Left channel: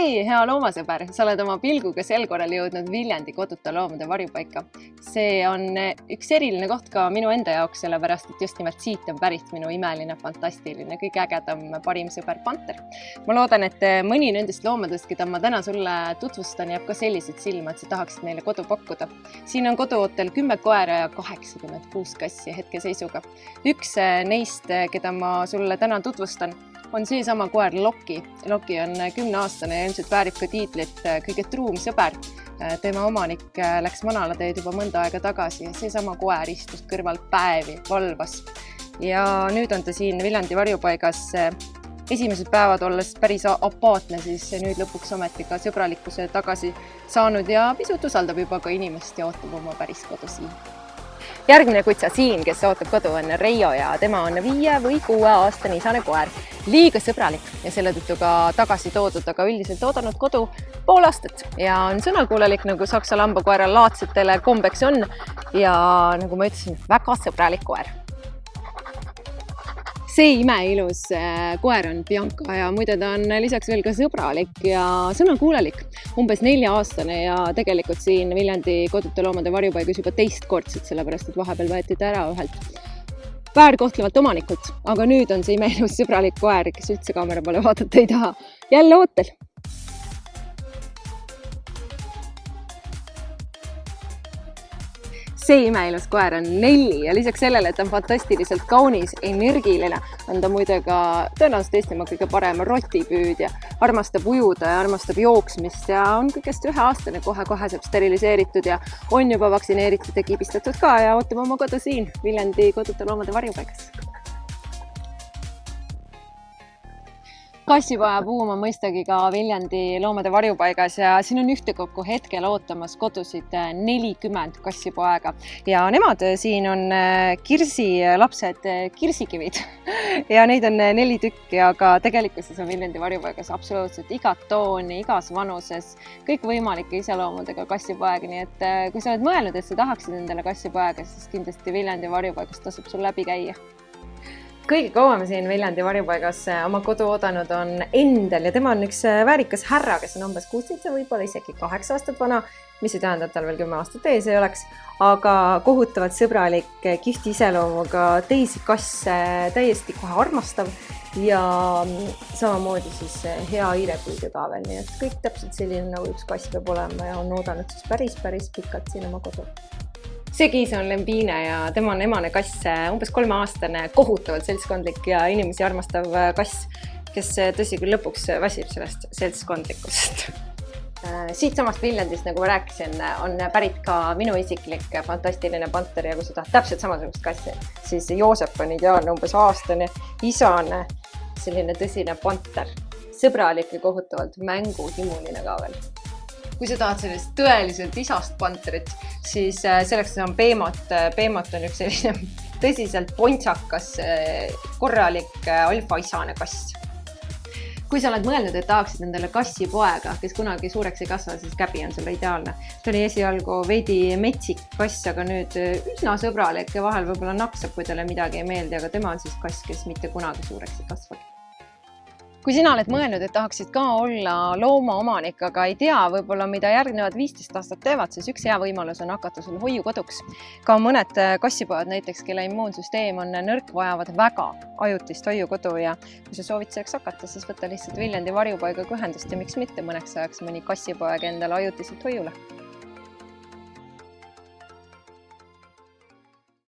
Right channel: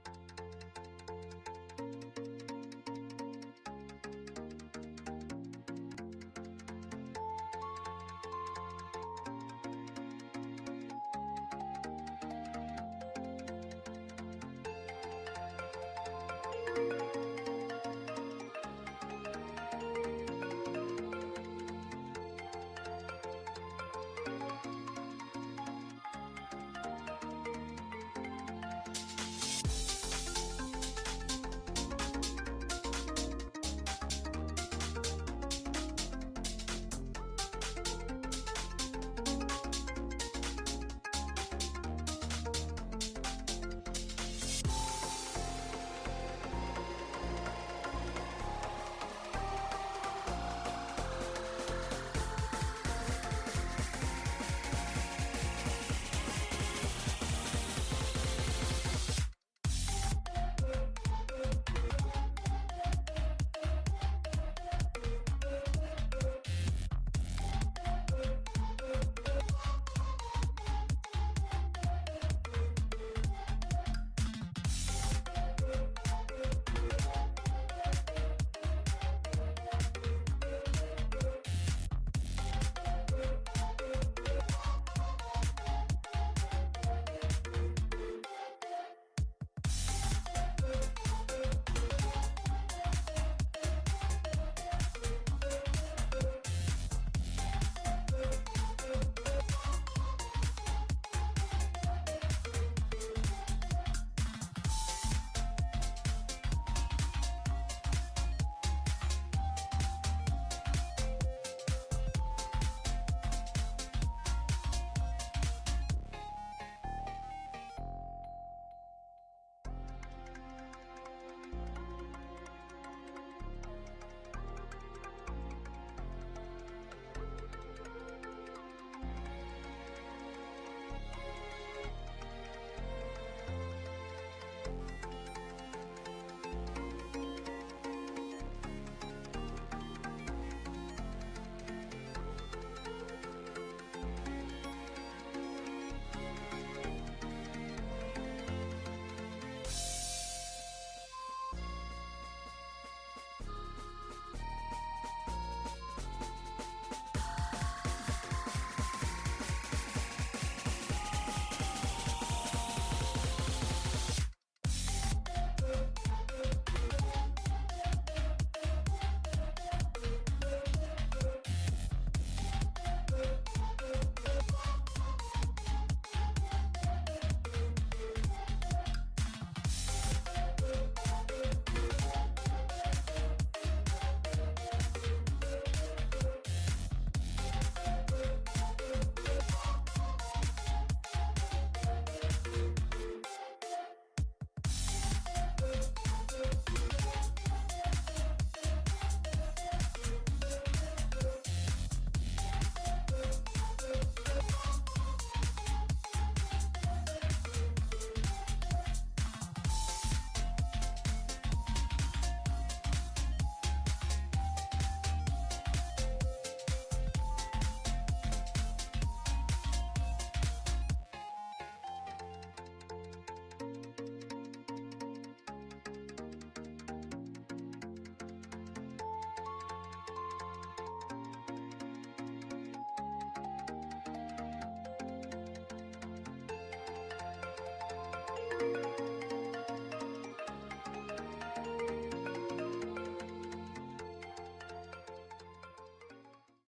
Hei, hea loomasõber! Sa oled oma pilguga sel korral jõudnud Viljandi koduta loomade varjupaika. See on üks eriline koht ka minu enda jaoks, sellepärast et just nimelt siit on pärit minu imeline, fantastiline, kõige ägedam parim sõber panter. Ma loodan, et mõni nendest loomadest, keda ma täna sulle tutvustan, jääb ka sellised silma, et sa tahaksid neile kodu pakkuda. Siin on koduootel 10 koera ja 86 kassi hetkeseisuga. Üks neist, keda ma sulle täna tutvustan, on seesama koer Loki. Loki on 10-aastane ja ilmselt väärib ka tiitlit kõige truum sõber. Tema omanik läks manalateed juba mõnda aega tagasi ja seesama koer istus kõrvalt päevi, valvas. Ja nüüd on ta siin Viljandi varjupaigas esimesed päevad olles päris apaatne, siis nüüd lõpuks ometi ka sõbralikkuse tagasi saanud ja pisut usaldab juba ka inimest ja ootab oma päris kodu siin. Järgmine kutsa siin, kes ootab kodu, on Reijo ja tema on 5 või 6 aastane isane koer. Liiga sõbralik ja selle tõttu ka tagasi toodud, aga üldiselt oodanud kodu pool aastat ja on sõnakuulelik, nagu saksa lambakoera laadsetele kombeks on ja nagu ma ütlesin, väga sõbralik koer. See imeilus koer on Bianca ja muide ta on lisaks veel ka sõbralik ja sõnakuulelik. Umbes 4-aastane ja tegelikult siin Viljandi koduta loomade varjupaigas juba teistkordselt, sellepärast et vahepeal võeti ta ära ühelt väärkohtlevalt omanikult, aga nüüd on see imeilus sõbralik koer, kes üldse kaamera poole vaadata ei taha. Jälle ootel! See imeilus koer on Nelli ja lisaks sellele, et ta on fantastiliselt kaunis, energiline, on ta muide ka tõenäoliselt Eestimaa kõige parem rotipüüdja. Armastab ujuda ja armastab jooksmist ja on kõigest 1-aastane, kohe saab steriliseeritud ja on juba vaktsineeritud ja kibistatud ka ja ootab oma kodu siin Viljandi koduta loomade varjupaigas. Kassipoja buum on mõistagi ka Viljandi loomade varjupaigas ja siin on ühtekokku hetkel ootamas kodusid 40 kassipoega ja nemad siin on kirsilapsed, kirsikivid ja neid on 4 tükki, aga tegelikkuses on Viljandi varjupaigas absoluutselt igat tooni, igas vanuses, kõik võimalike iseloomudega kassipoeg, nii et kui sa oled mõelnud, et sa tahaksid endale kassipoega, siis kindlasti Viljandi varjupaigas tasub sul läbi käia. Kõige kauem siin Viljandi varjupaigas oma kodu oodanud on Endel ja tema on üks väärikas härra, kes on umbes 16, võib-olla isegi 8 aastat vana, mis ei tähenda, et tal veel 10 aastat ees ei oleks, aga kohutavalt sõbralik, kihvti iseloomuga, teisi kasse täiesti kohe armastav ja samamoodi siis hea hiirepüüdja ka veel, nii et kõik täpselt selline nagu üks kass peab olema ja on oodanud siis päris pikalt siin oma kodu. See kiis on Lembine ja tema on emane kass, umbes 3-aastane, kohutavalt seltskondlik ja inimesi armastav kass, kes tõsi küll lõpuks väsib sellest seltskondlikust. Siit samast Viljandist, nagu ma rääkisin, on pärit ka minu isiklik fantastiline panter ja kui sa tahad täpselt samasugust kassi, siis Joosep on ideaalne, umbes aastane, isane, selline tõsine panter, sõbralik ja kohutavalt mänguhimuline ka veel. Kui sa tahad sellest tõeliselt isast panterit, siis selleks on Peemot. Peemot on üks selline tõsiselt pontsakas, korralik alfaisane kass. Kui sa oled mõelnud, et tahaksid endale kassipoega, kes kunagi suureks ei kasva, siis Käbi on sulle ideaalne. Ta oli esialgu veidi metsik kass, aga nüüd üsna sõbralik ja vahel võib-olla naksab, kui talle midagi ei meeldi, aga tema on siis kass, kes mitte kunagi suureks ei kasva. Kui sina oled mõelnud, et tahaksid ka olla loomaomanik, aga ei tea võib-olla, mida järgnevad 15 aastat teevad, siis üks hea võimalus on hakata sul hoiukoduks. Ka mõned kassipojad näiteks, kelle immuunsüsteem on nõrk, vajavad väga ajutist hoiukodu ja kui sa soovid selleks hakata, siis võta lihtsalt Viljandi varjupaigaga ühendust ja miks mitte mõneks ajaks mõni kassipoeg endale ajutiselt hoiule.